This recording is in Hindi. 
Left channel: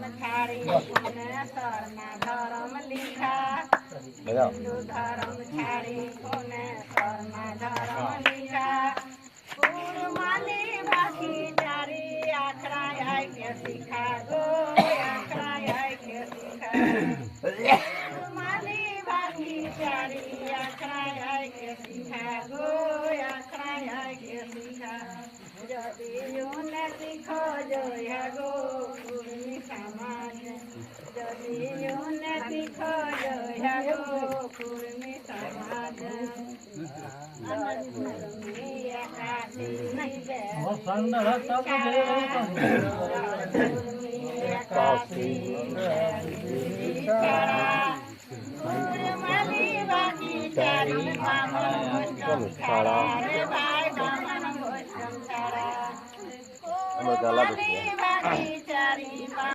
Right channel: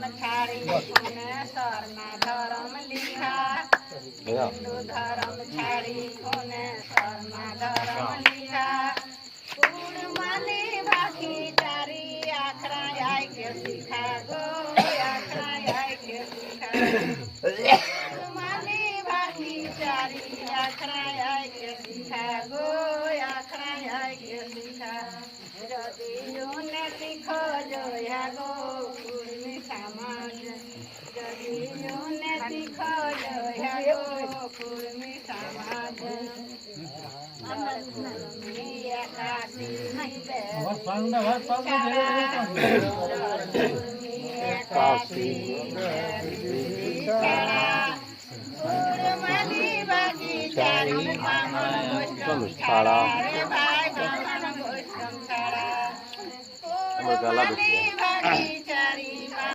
धर्म छाड़ी कोने शर्मा धर्म लिखा हिंदू धर्म छाड़ी कोने शर्मा धर्म लिखा कूड़ माने बाकी चारी आखरा आय के सिखा गो आखरा आय के सिखा कूड़ माने बाकी चारी आखरा आय के सिखा गो आखरा आय के सिखा जदि यूने सिखो जो यागो कुर्मी समाज जदि यूने सिखो जो यागो कुर्मी समाज मिया काशी नहीं दे मिया काशी कुर्मानी बाकी चारी मामलो छाड़ा भाई बामन गोश्तम छाड़ा कुर्मानी बाकी चारी